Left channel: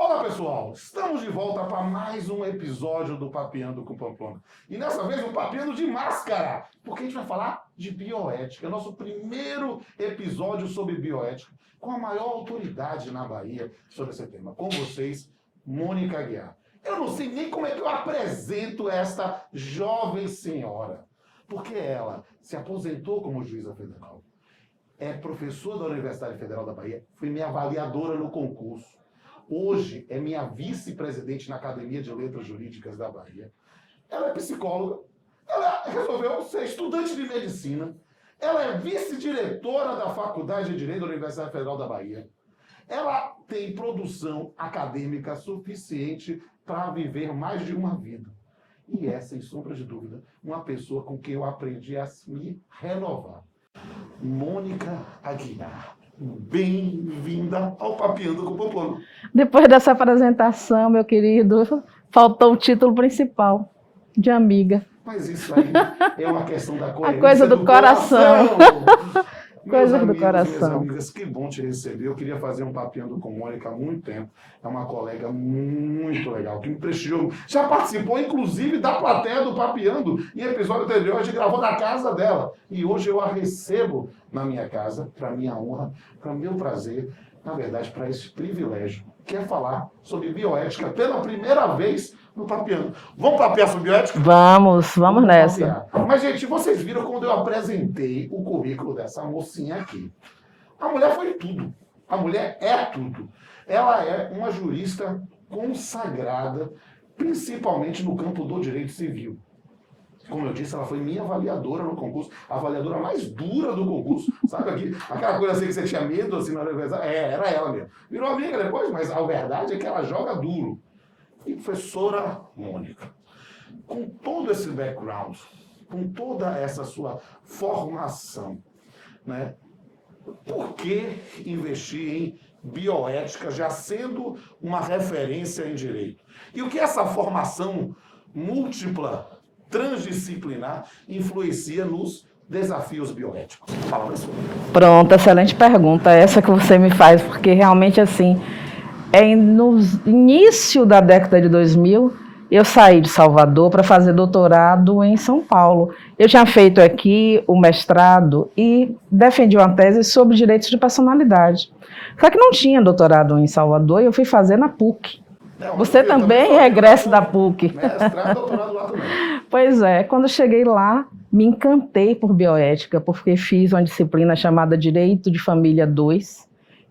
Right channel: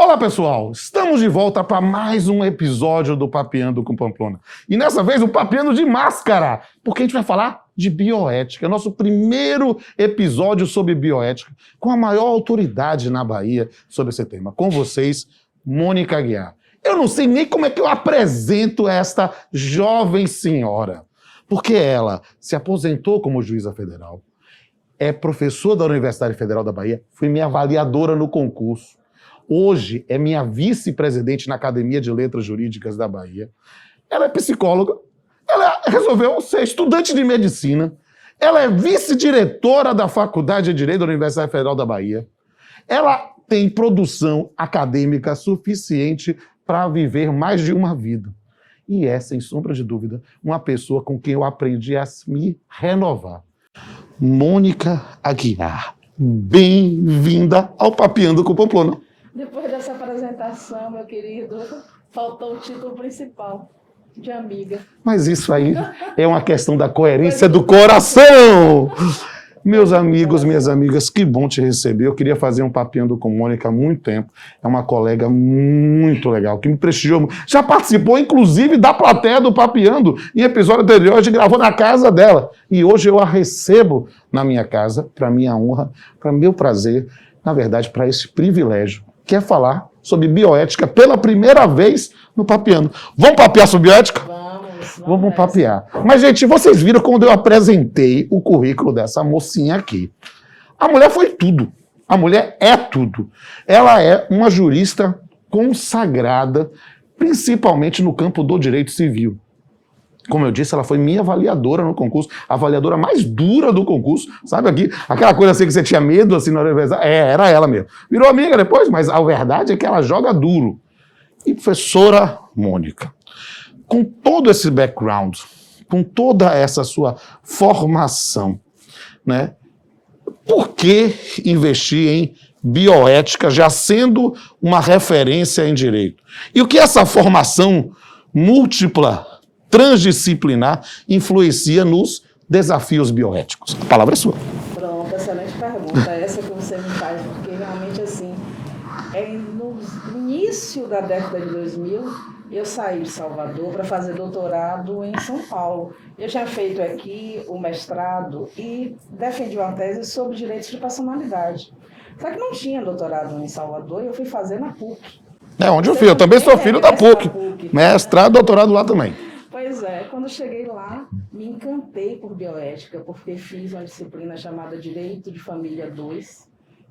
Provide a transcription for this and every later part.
Olá, pessoal! Estamos de volta para mais um episódio do Papeando com Pamplona. E dessa vez, o Papeando de máscara, porque a gente vai falar de bioética. É nosso primeiro episódio sobre bioética, com a maior autoridade na Bahia sobre esse tema. Com vocês, Mônica Aguiar. Eu não sei nem como é que eu apresento esta jovem senhora, porque ela se aposentou como juíza federal, é professora da Universidade Federal da Bahia, foi minha avaliadora no concurso. Hoje é minha vice-presidente na Academia de Letras Jurídicas da Bahia. Ela é psicóloga, ela resolveu ser estudante de medicina, ela é vice-diretora da Faculdade de Direito da Universidade Federal da Bahia. Ela tem produção acadêmica suficiente para viver mais de uma vida. E é, sem sombra de dúvida, uma pessoa com quem eu aprendi a me renovar. Mônica Aguiar, bem-vinda ao Papeando com Pamplona. Depois dessa apresentação, meu querido, faltou o título principal, de amiga. Mas isso aí é uma questão da coerência do coração. Meus amigos, minhas amigas, que bom te receber. Eu queria fazer um Papeando com Mônica há muito tempo. É uma colega muito legal, que me prestigiou. Já participou, inclusive, da plateia do Papeando. Em episódio anterior, a gente gravou na casa dela. E hoje eu a recebo na minha casa, para minha honra, para meu prazer, na verdade, para esse privilégio, que é falar sobre bioética pela primeira vez no Papeando. Vamos papear sobre bioética? Vamos nessa. Papear. Mas, gente, vocês viram quando eu apresentei o currículo dessa mocinha aqui. A mulher foi tudo. A mulher é tudo. Ela é uma jurista consagrada, principalmente no campo do direito civil. Como eu disse, ela foi minha avaliadora no concurso, a avaliadora mais dura do concurso, sabe aqui? Aquela coisa assim que você tinha medo, assim, na universidade. Era ela mesmo. Virou amiga depois, mas a verdade é que ela joga duro. E professora Mônica, com todo esse background, com toda essa sua formação, né? Por que investir em bioética já sendo uma referência em direito? E o que essa formação múltipla, transdisciplinar, influencia nos desafios bioéticos? A palavra é sua. Pronto, excelente pergunta essa que você me faz, porque realmente assim, no início da década de 2000, eu saí de Salvador para fazer doutorado em São Paulo. Eu tinha feito aqui o mestrado e defendi uma tese sobre direitos de personalidade. Só que não tinha doutorado em Salvador e eu fui fazer na PUC. É onde eu também sou filho da PUC. Mestrado, doutorado lá também. Pois é, quando eu cheguei lá, me encantei por bioética, porque fiz uma disciplina chamada Direito de Família 2,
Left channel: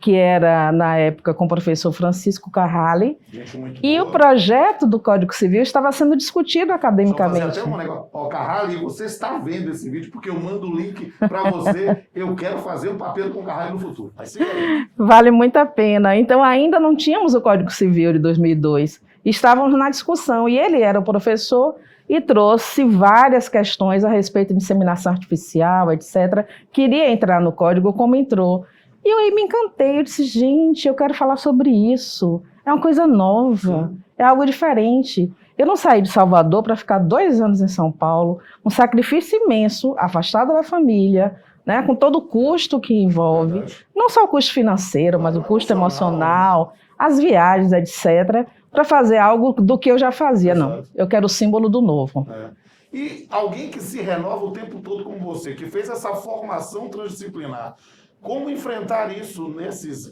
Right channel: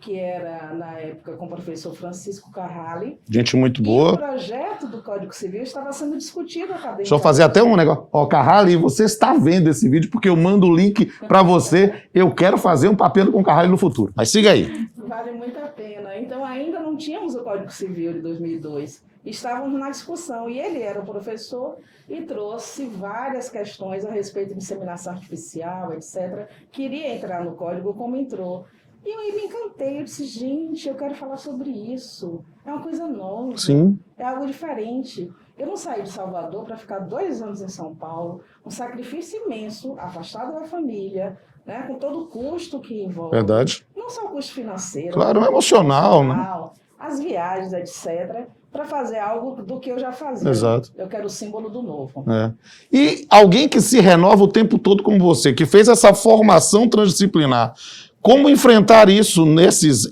que era, na época, com o professor Francisco Carrali. Gente muito boa. E o projeto do Código Civil estava sendo discutido academicamente. Deixa eu fazer até um negócio. Ó, Carrali, você está vendo esse vídeo, porque eu mando o link para você. Eu quero fazer um Papeando com Carrali no futuro. Mas siga aí. Vale muito a pena. Então, ainda não tínhamos o Código Civil de 2002. Estávamos na discussão. E ele era o professor e trouxe várias questões a respeito de inseminação artificial, etc. Queria entrar no código como entrou. E eu aí me encantei, eu disse, gente, eu quero falar sobre isso. É uma coisa nova, sim. É algo diferente. Eu não saí de Salvador para ficar 2 anos em São Paulo, um sacrifício imenso, afastada da família, né, com todo o custo que envolve. Verdade. Não só o custo financeiro, claro, mas o custo emocional, as viagens, etc., para fazer algo do que eu já fazia. Exato. Não, eu quero o símbolo do novo. É. E alguém que se renova o tempo todo como você, que fez essa formação transdisciplinar, como enfrentar isso nesses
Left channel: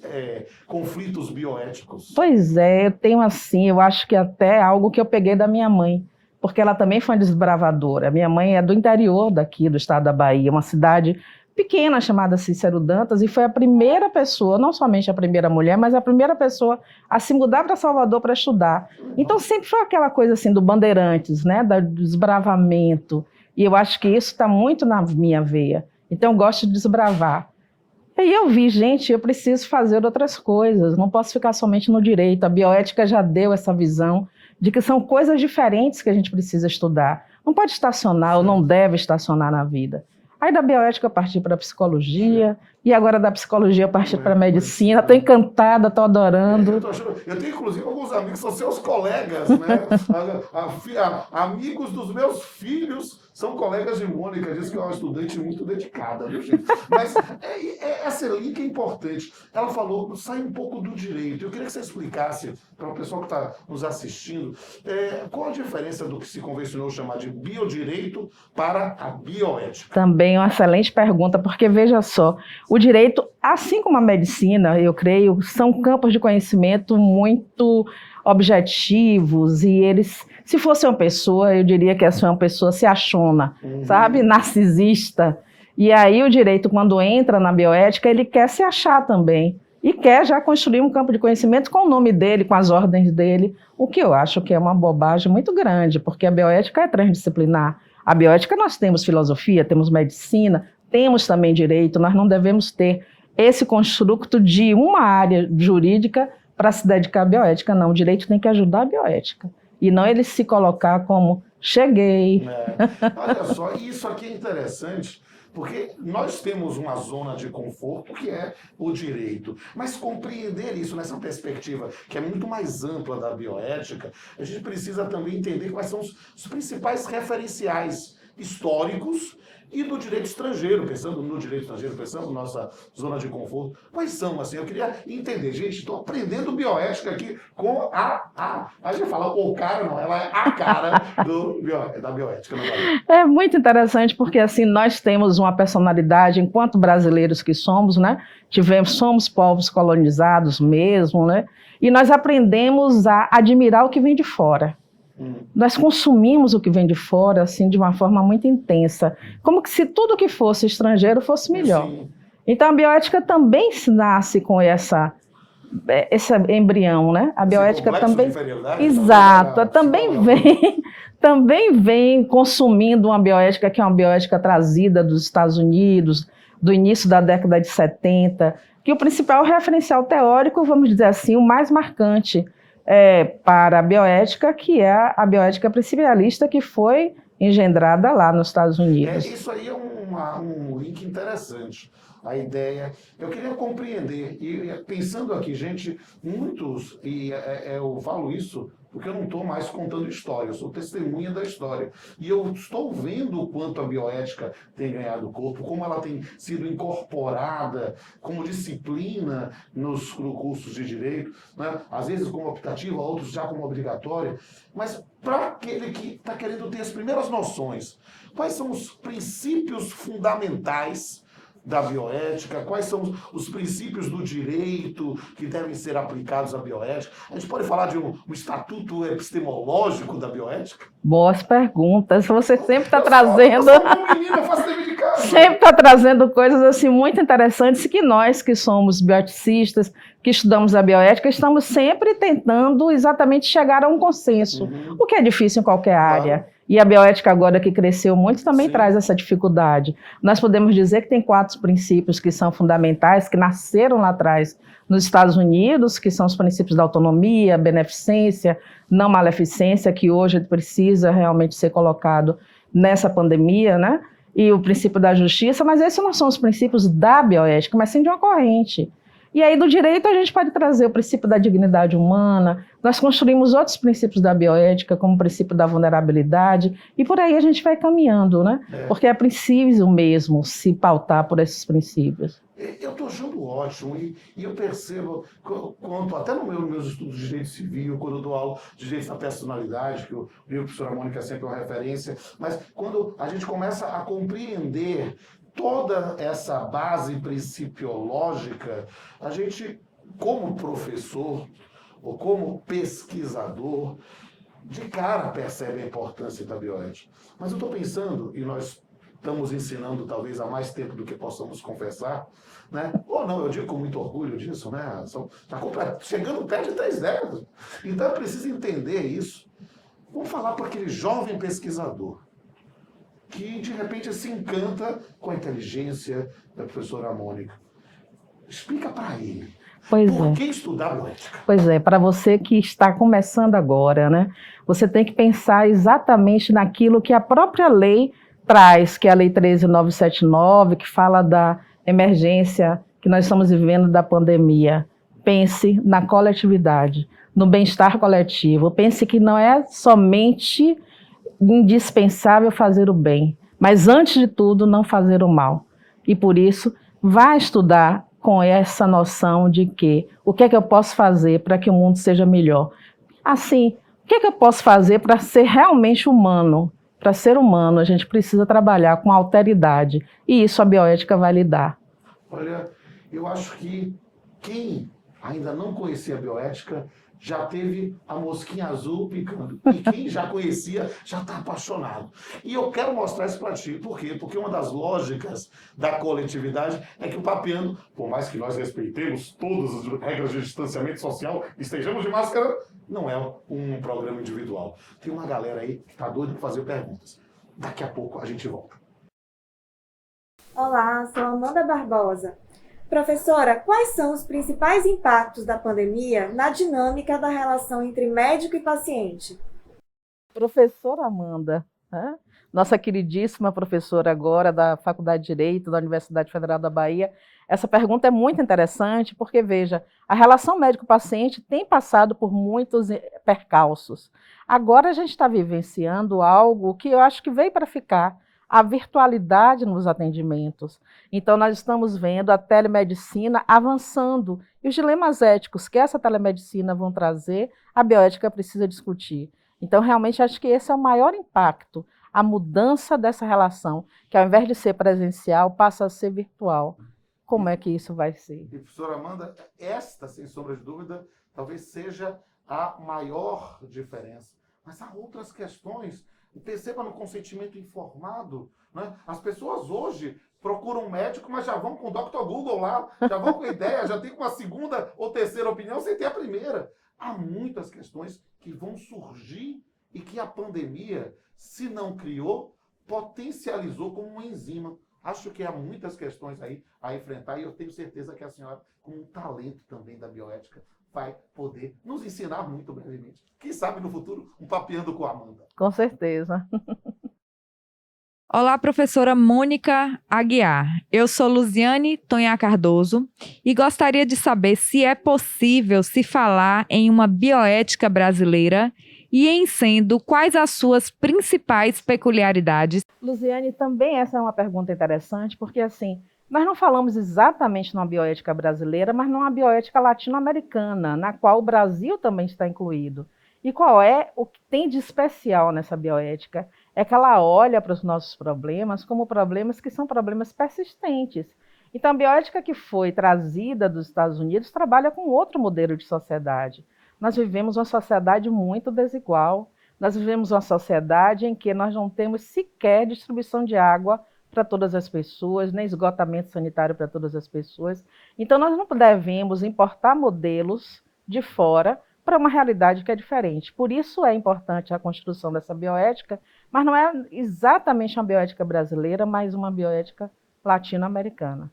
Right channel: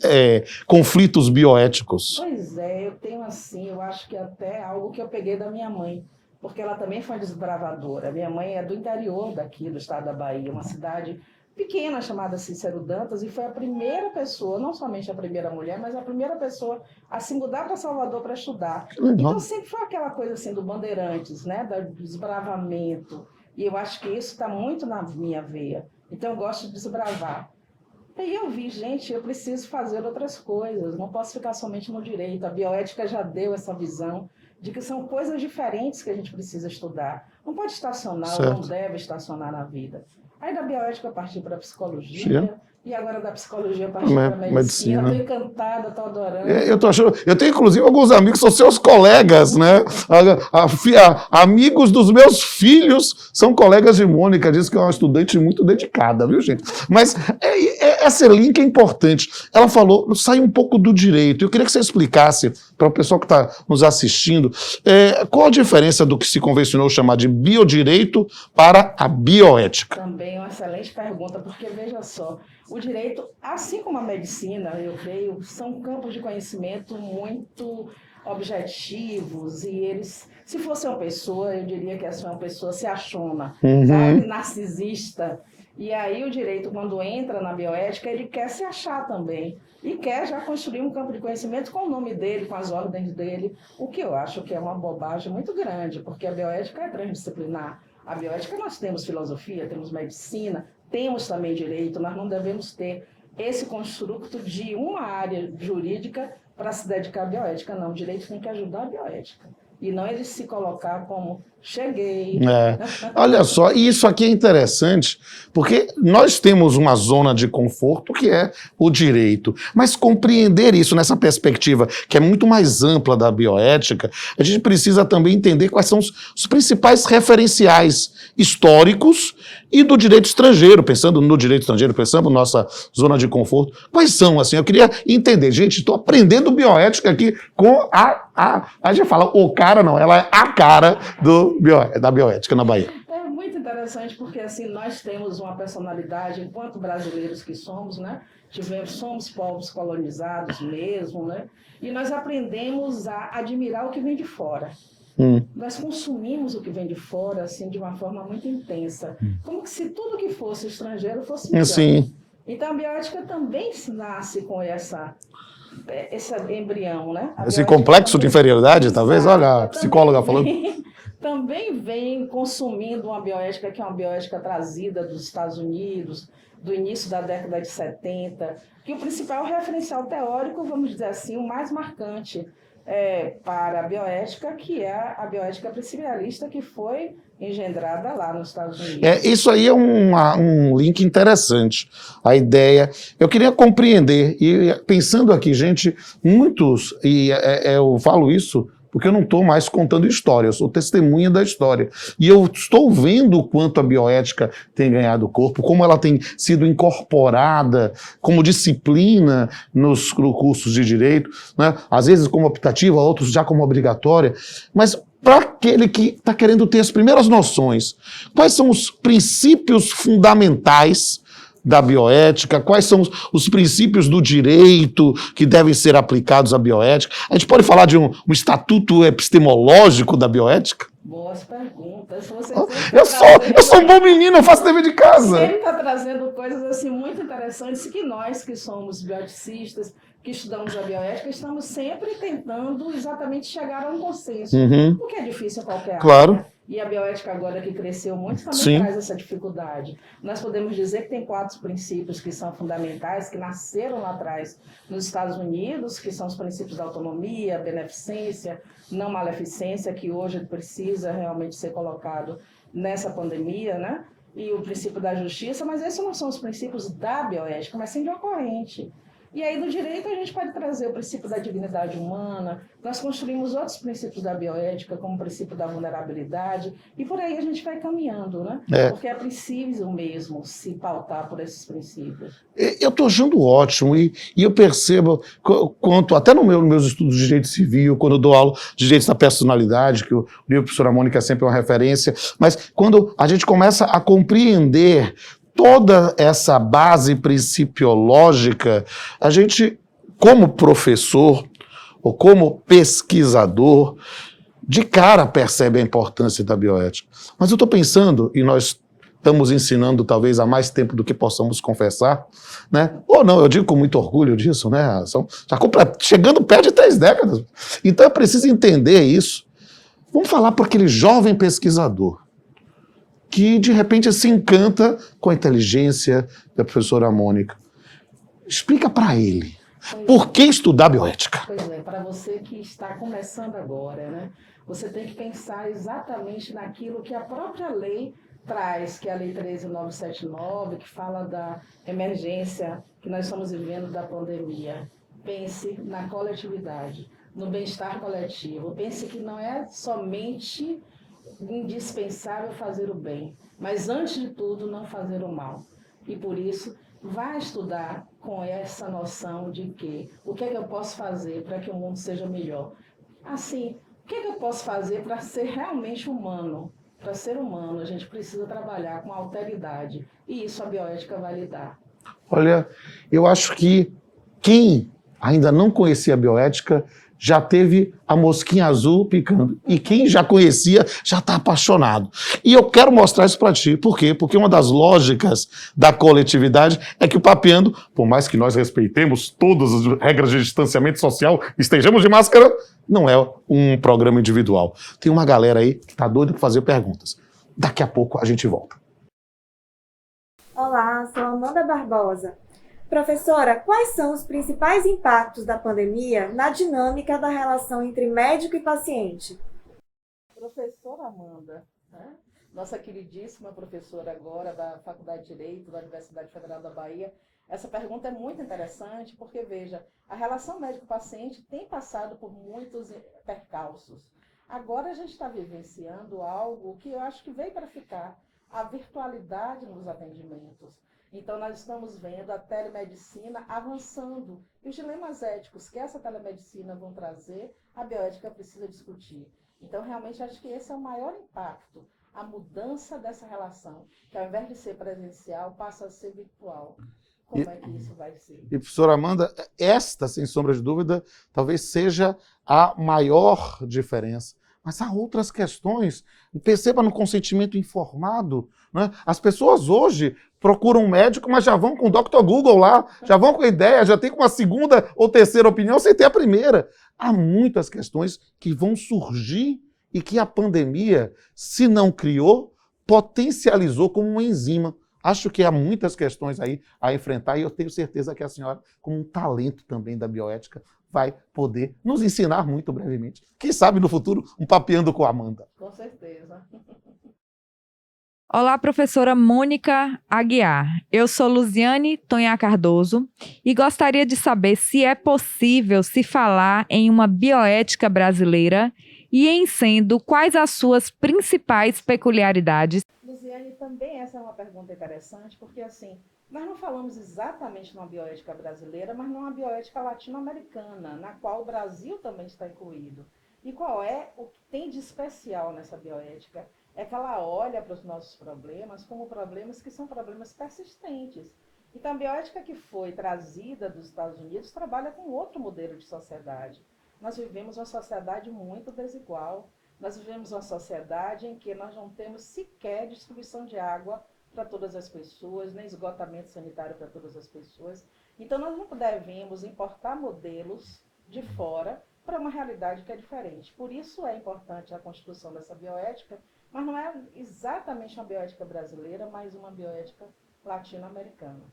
conflitos bioéticos? Pois é, eu tenho assim, eu acho que até algo que eu peguei da minha mãe, porque ela também foi uma desbravadora. Minha mãe é do interior daqui, do estado da Bahia, uma cidade pequena chamada Cícero Dantas, e foi a primeira pessoa, não somente a primeira mulher, mas a primeira pessoa a se mudar para Salvador para estudar. Então sempre foi aquela coisa assim do Bandeirantes, né, do desbravamento, e eu acho que isso está muito na minha veia. Então eu gosto de desbravar. E eu vi, gente, eu preciso fazer outras coisas, não posso ficar somente no direito. A bioética já deu essa visão de que são coisas diferentes que a gente precisa estudar. Não pode estacionar, certo, ou não deve estacionar na vida. Aí da bioética eu parti para a psicologia, e agora da psicologia eu parti para medicina. Estou encantada, estou adorando. Eu tenho, inclusive, alguns amigos que são seus colegas, né? Amigos dos meus filhos são colegas de Mônica, diz que é uma estudante muito dedicada, viu, gente? Mas esse link é importante. Ela falou, sai um pouco do direito. Eu queria que você explicasse para o pessoal que está nos assistindo qual a diferença do que se convencionou chamar de biodireito para a bioética. Também é uma excelente pergunta, porque veja só, o direito, assim como a medicina, eu creio, são campos de conhecimento muito objetivos e eles, se fosse uma pessoa, eu diria que essa é uma pessoa se achona, sabe, narcisista. E aí o direito, quando entra na bioética, ele quer se achar também e quer já construir um campo de conhecimento com o nome dele, com as ordens dele, o que eu acho que é uma bobagem muito grande, porque a bioética é transdisciplinar. A bioética nós temos filosofia, temos medicina, temos também direito, nós não devemos ter esse construto de uma área jurídica para se dedicar à bioética, não. O direito tem que ajudar a bioética e não ele se colocar como cheguei. Olha só, e isso aqui é interessante, porque nós temos uma zona de conforto que é o direito, mas compreender isso nessa perspectiva que é muito mais ampla da bioética, a gente precisa também entender quais são os principais referenciais históricos e do direito estrangeiro, pensando no direito estrangeiro, pensando na nossa zona de conforto. Quais são, assim? Eu queria entender. Gente, estou aprendendo bioética aqui com a gente fala o cara, não, ela é a cara da bioética na Bahia. É muito interessante porque, assim, nós temos uma personalidade, enquanto brasileiros que somos, né? Somos povos colonizados mesmo, né? E nós aprendemos a admirar o que vem de fora. Nós consumimos o que vem de fora assim, de uma forma muito intensa, como que se tudo que fosse estrangeiro fosse melhor. Sim. Então a bioética também nasce com esse embrião, né? Esse complexo também, de inferioridade, exato, talvez, olha, a psicóloga também vem consumindo uma bioética que é uma bioética trazida dos Estados Unidos, do início da década de 70, que o principal referencial teórico, vamos dizer assim, o mais marcante, para a bioética, que é a bioética principialista que foi engendrada lá nos Estados Unidos. Isso aí é um link interessante, a ideia. Eu queria compreender, e pensando aqui, gente, muitos, e eu falo isso porque eu não estou mais contando história, eu sou testemunha da história. E eu estou vendo o quanto a bioética tem ganhado corpo, como ela tem sido incorporada como disciplina nos cursos de direito, né? Às vezes como optativa, outros já como obrigatória. Mas para aquele que está querendo ter as primeiras noções, quais são os princípios fundamentais da bioética, quais são os princípios do direito que devem ser aplicados à bioética? A gente pode falar de um estatuto epistemológico da bioética? Boas perguntas. Você sempre está trazendo... Eu sou um bom menino, eu faço dever de casa. Sempre está trazendo coisas assim muito interessantes que nós que somos bioeticistas, que estudamos a bioética, estamos sempre tentando exatamente chegar a um consenso, o que é difícil em qualquer área. E a bioética agora que cresceu muito também traz essa dificuldade. Nós podemos dizer que tem 4 princípios que são fundamentais, que nasceram lá atrás nos Estados Unidos, que são os princípios da autonomia, beneficência, não maleficência, que hoje precisa realmente ser colocado nessa pandemia, né? E o princípio da justiça, mas esses não são os princípios da bioética, mas sim de uma corrente. E aí do direito a gente pode trazer o princípio da dignidade humana, nós construímos outros princípios da bioética, como o princípio da vulnerabilidade, e por aí a gente vai caminhando, né? Porque é preciso mesmo se pautar por esses princípios. Eu estou achando ótimo, e eu percebo quanto, até nos meus estudos de direito civil, quando eu dou aula de direito da personalidade, que o livro da professora Mônica é sempre uma referência, mas quando a gente começa a compreender toda essa base principiológica, a gente, como professor ou como pesquisador, de cara percebe a importância da bioética. Mas eu estou pensando, e nós estamos ensinando talvez há mais tempo do que possamos confessar, né? Ou não, eu digo com muito orgulho disso, né? Já chegando perto de 3 décadas. Então é preciso entender isso. Vamos falar para aquele jovem pesquisador que de repente se encanta com a inteligência da professora Mônica. Explica para ele. Por que estudar bioética? Pois é, para você que está começando agora, né? Você tem que pensar exatamente naquilo que a própria lei traz, que é a Lei 13.979, que fala da emergência que nós estamos vivendo da pandemia, pense na coletividade, no bem-estar coletivo. Pense que não é somente indispensável fazer o bem, mas antes de tudo não fazer o mal. E por isso, vá estudar com essa noção de que o que é que eu posso fazer para que o mundo seja melhor. Assim, o que é que eu posso fazer para ser realmente humano? Para ser humano, a gente precisa trabalhar com alteridade, e isso a bioética vai lhe dar. Olha, eu acho que quem ainda não conhecia a bioética já teve a mosquinha azul picando. E quem já conhecia já está apaixonado. E eu quero mostrar isso para ti. Por quê? Porque uma das lógicas da coletividade é que o Papeando, por mais que nós respeitemos todas as regras de distanciamento social, estejamos de máscara, não é um programa individual. Tem uma galera aí que está doida para fazer perguntas. Daqui a pouco a gente volta. Olá, sou Amanda Barbosa. Professora, quais são os principais impactos da pandemia na dinâmica da relação entre médico e paciente? Professora Amanda, né? Nossa queridíssima professora agora da Faculdade de Direito da Universidade Federal da Bahia, essa pergunta é muito interessante porque, veja, a relação médico-paciente tem passado por muitos percalços. Agora a gente está vivenciando algo que eu acho que veio para ficar, a virtualidade nos atendimentos. Então, nós estamos vendo a telemedicina avançando e os dilemas éticos que essa telemedicina vão trazer, a bioética precisa discutir. Então, realmente, acho que esse é o maior impacto, a mudança dessa relação, que ao invés de ser presencial, passa a ser virtual. Como é que isso vai ser? E, professora Amanda, esta, sem sombra de dúvida, talvez seja a maior diferença. Mas há outras questões. Perceba no consentimento informado. Né? As pessoas hoje procuram um médico, mas já vão com o Dr. Google lá, já vão com a ideia, já tem uma segunda ou terceira opinião sem ter a primeira. Há muitas questões que vão surgir e que a pandemia, se não criou, potencializou como uma enzima. Acho que há muitas questões aí a enfrentar e eu tenho certeza que a senhora, como um talento também da bioética, vai poder nos ensinar muito brevemente. Quem sabe no futuro, um Papeando com a Amanda. Com certeza. Olá, professora Mônica Aguiar. Eu sou Luziane Tonhá Cardoso e gostaria de saber se é possível se falar em uma bioética brasileira e, em sendo, quais as suas principais peculiaridades. Luziane, também essa é uma pergunta interessante, porque assim, nós não falamos exatamente numa bioética brasileira, mas numa bioética latino-americana, na qual o Brasil também está incluído. E qual é o que tem de especial nessa bioética? É que ela olha para os nossos problemas como problemas que são problemas persistentes. Então, a bioética que foi trazida dos Estados Unidos trabalha com outro modelo de sociedade. Nós vivemos uma sociedade muito desigual, nós vivemos uma sociedade em que nós não temos sequer distribuição de água para todas as pessoas, nem esgotamento sanitário para todas as pessoas. Então, nós não devemos importar modelos de fora para uma realidade que é diferente. Por isso é importante a construção dessa bioética, mas não é exatamente uma bioética brasileira, mas uma bioética latino-americana.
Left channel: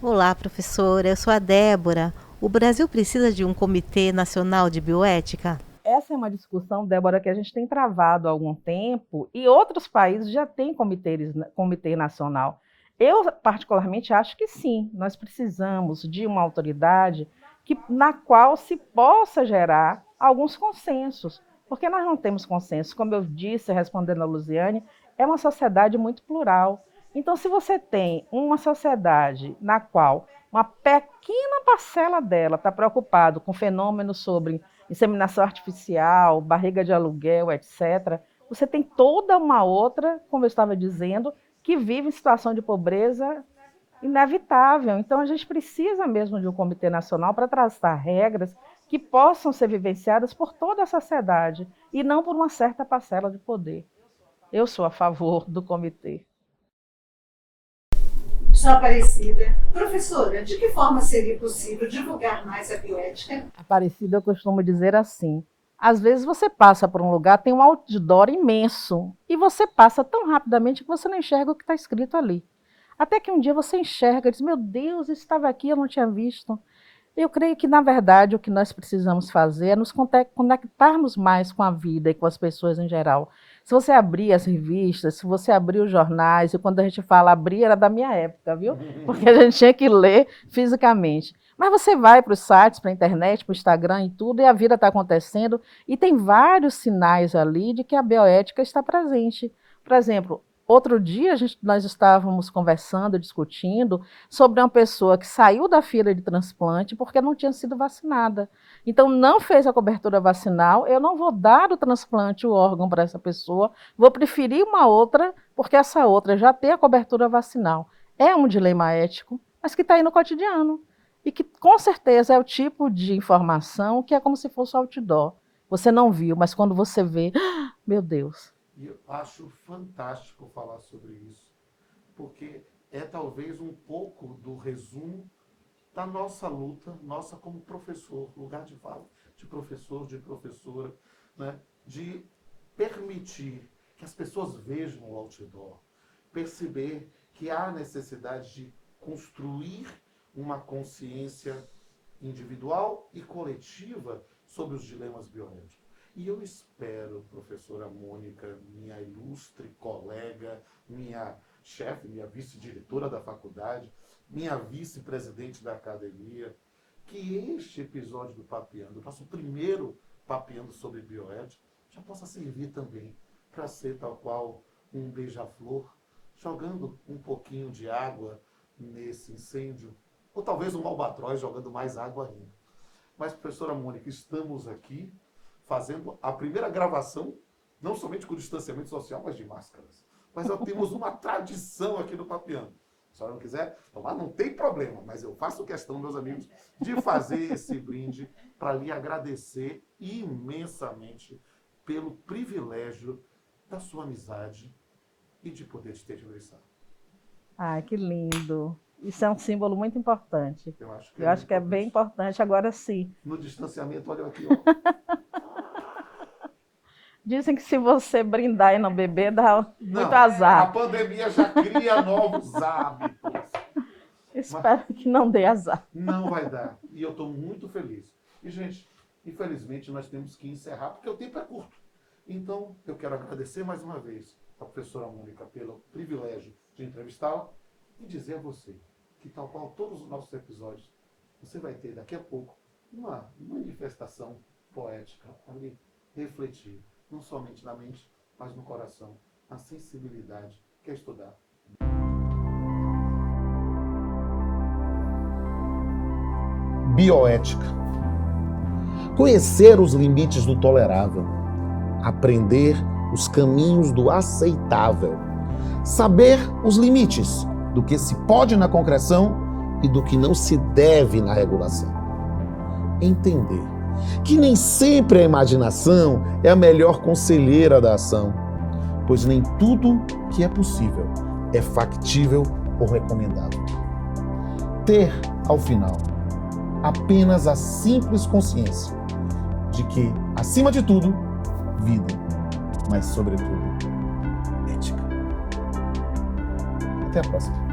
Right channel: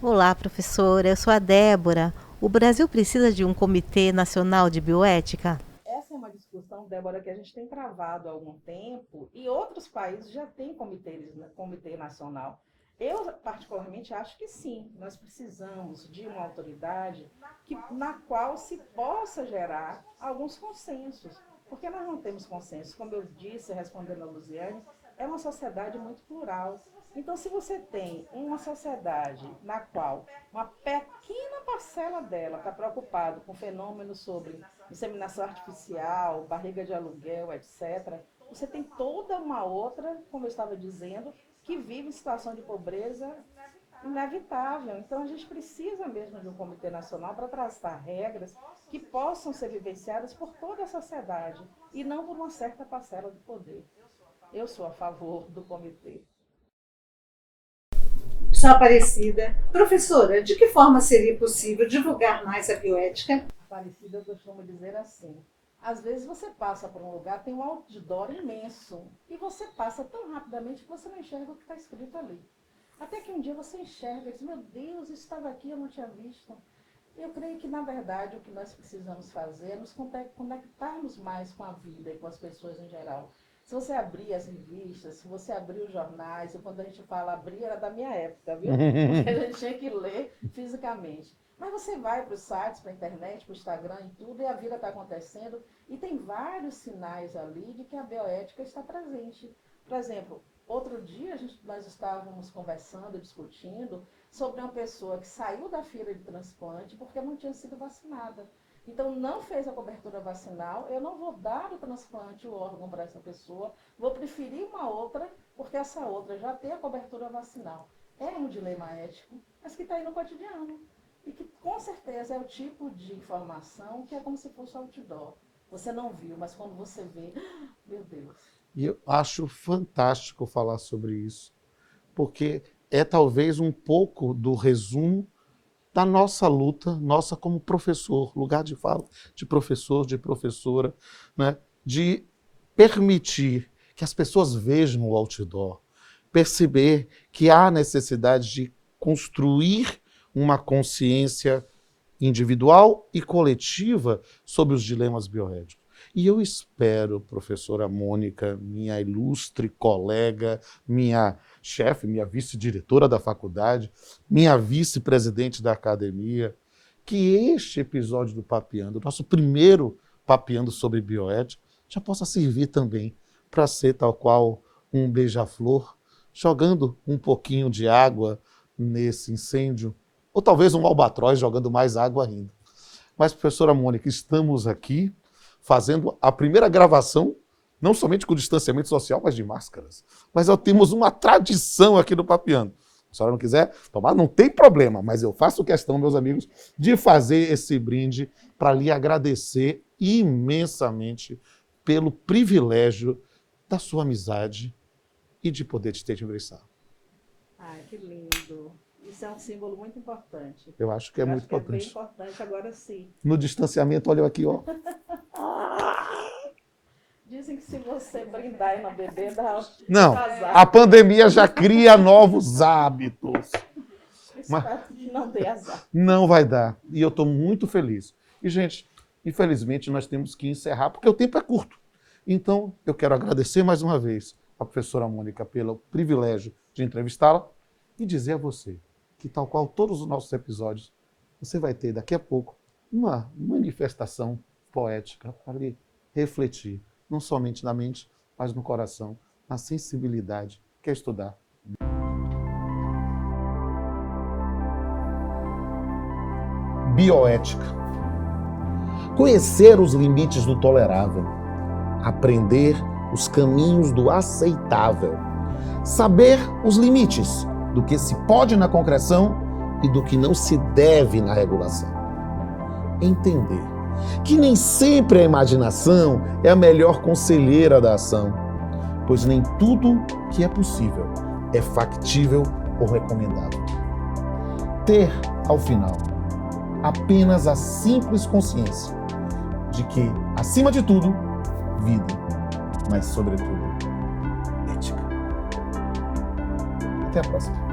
Olá, professora. Eu sou a Débora. O Brasil precisa de um Comitê Nacional de Bioética? Essa é uma discussão, Débora, que a gente tem travado há algum tempo e outros países já têm comitê nacional. Eu, particularmente, acho que sim, nós precisamos de uma autoridade na qual se possa gerar alguns consensos, porque nós não temos consenso. Como eu disse, respondendo a Luziane, é uma sociedade muito plural. Então, se você tem uma sociedade na qual uma pequena parcela dela está preocupada com fenômenos sobre inseminação artificial, barriga de aluguel, etc., você tem toda uma outra, como eu estava dizendo, que vive em situação de pobreza inevitável. Então, a gente precisa mesmo de um comitê nacional para traçar regras que possam ser vivenciadas por toda a sociedade e não por uma certa parcela de poder. Eu sou a favor do comitê. Sou Aparecida. Professora, de que forma seria possível divulgar mais a bioética? Aparecida, eu costumo dizer assim, às vezes você passa por um lugar, tem um outdoor imenso, e você passa tão rapidamente que você não enxerga o que está escrito ali. Até que um dia você enxerga e diz, meu Deus, isso estava aqui, eu não tinha visto. Eu creio que, na verdade, o que nós precisamos fazer é nos conectarmos mais com a vida e com as pessoas em geral. Se você abrir as revistas, se você abrir os jornais, e quando a gente fala abrir, era da minha época, viu? Porque a gente tinha que ler fisicamente. Mas você vai para os sites, para a internet, para o Instagram e tudo, e a vida está acontecendo, e tem vários sinais ali de que a bioética está presente. Por exemplo, outro dia nós estávamos conversando, discutindo sobre uma pessoa que saiu da fila de transplante porque não tinha sido vacinada. Então, não fez a cobertura vacinal, eu não vou dar o transplante, o órgão para essa pessoa, vou preferir uma outra, porque essa outra já tem a cobertura vacinal. É um dilema ético, mas que está aí no cotidiano. E que, com certeza, é o tipo de informação que é como se fosse outdoor. Você não viu, mas quando você vê, meu Deus. E eu acho fantástico falar sobre isso, porque é talvez um pouco do resumo da nossa luta, nossa como professor, lugar de fala de professor, de professora, né? De permitir que as pessoas vejam o outdoor, perceber que há necessidade de construir uma consciência individual e coletiva sobre os dilemas bioéticos. E eu espero, professora Mônica, minha ilustre colega, minha chefe, minha vice-diretora da faculdade, minha vice-presidente da academia, que este episódio do Papeando, nosso primeiro Papeando sobre bioética, já possa servir também para ser tal qual um beija-flor, jogando um pouquinho de água nesse incêndio, ou talvez um albatroz jogando mais água ainda. Mas, professora Mônica, estamos aqui fazendo a primeira gravação, não somente com distanciamento social, mas de máscaras. Mas nós temos uma tradição aqui no Papeando. Se a senhora não quiser tomar, não tem problema, mas eu faço questão, meus amigos, de fazer esse brinde para lhe agradecer imensamente pelo privilégio da sua amizade e de poder te ter de ingressar. Ai, que lindo. Isso é um símbolo muito importante. Eu acho que é Eu muito acho que é bem importante. Agora sim. No distanciamento, olha eu aqui, ó. Dizem que se você brindar e não beber, dá Não, muito azar. a pandemia já cria novos hábitos. Espero que não dê azar. Não vai dar. E eu estou muito feliz. E, gente, infelizmente nós temos que encerrar, porque o tempo é curto. Então, eu quero agradecer mais uma vez a professora Mônica pelo privilégio de entrevistá-la e dizer a você que, tal qual todos os nossos episódios, você vai ter daqui a pouco uma manifestação poética para lhe refletir, não somente na mente, mas no coração, na sensibilidade, que é estudar. Bioética. Conhecer os limites do tolerável, aprender os caminhos do aceitável, saber os limites do que se pode na concreção e do que não se deve na regulação. Entender que nem sempre a imaginação é a melhor conselheira da ação, pois nem tudo que é possível é factível ou recomendável. Ter, ao final, apenas a simples consciência de que, acima de tudo, vida, mas, sobretudo, ética. Até a próxima.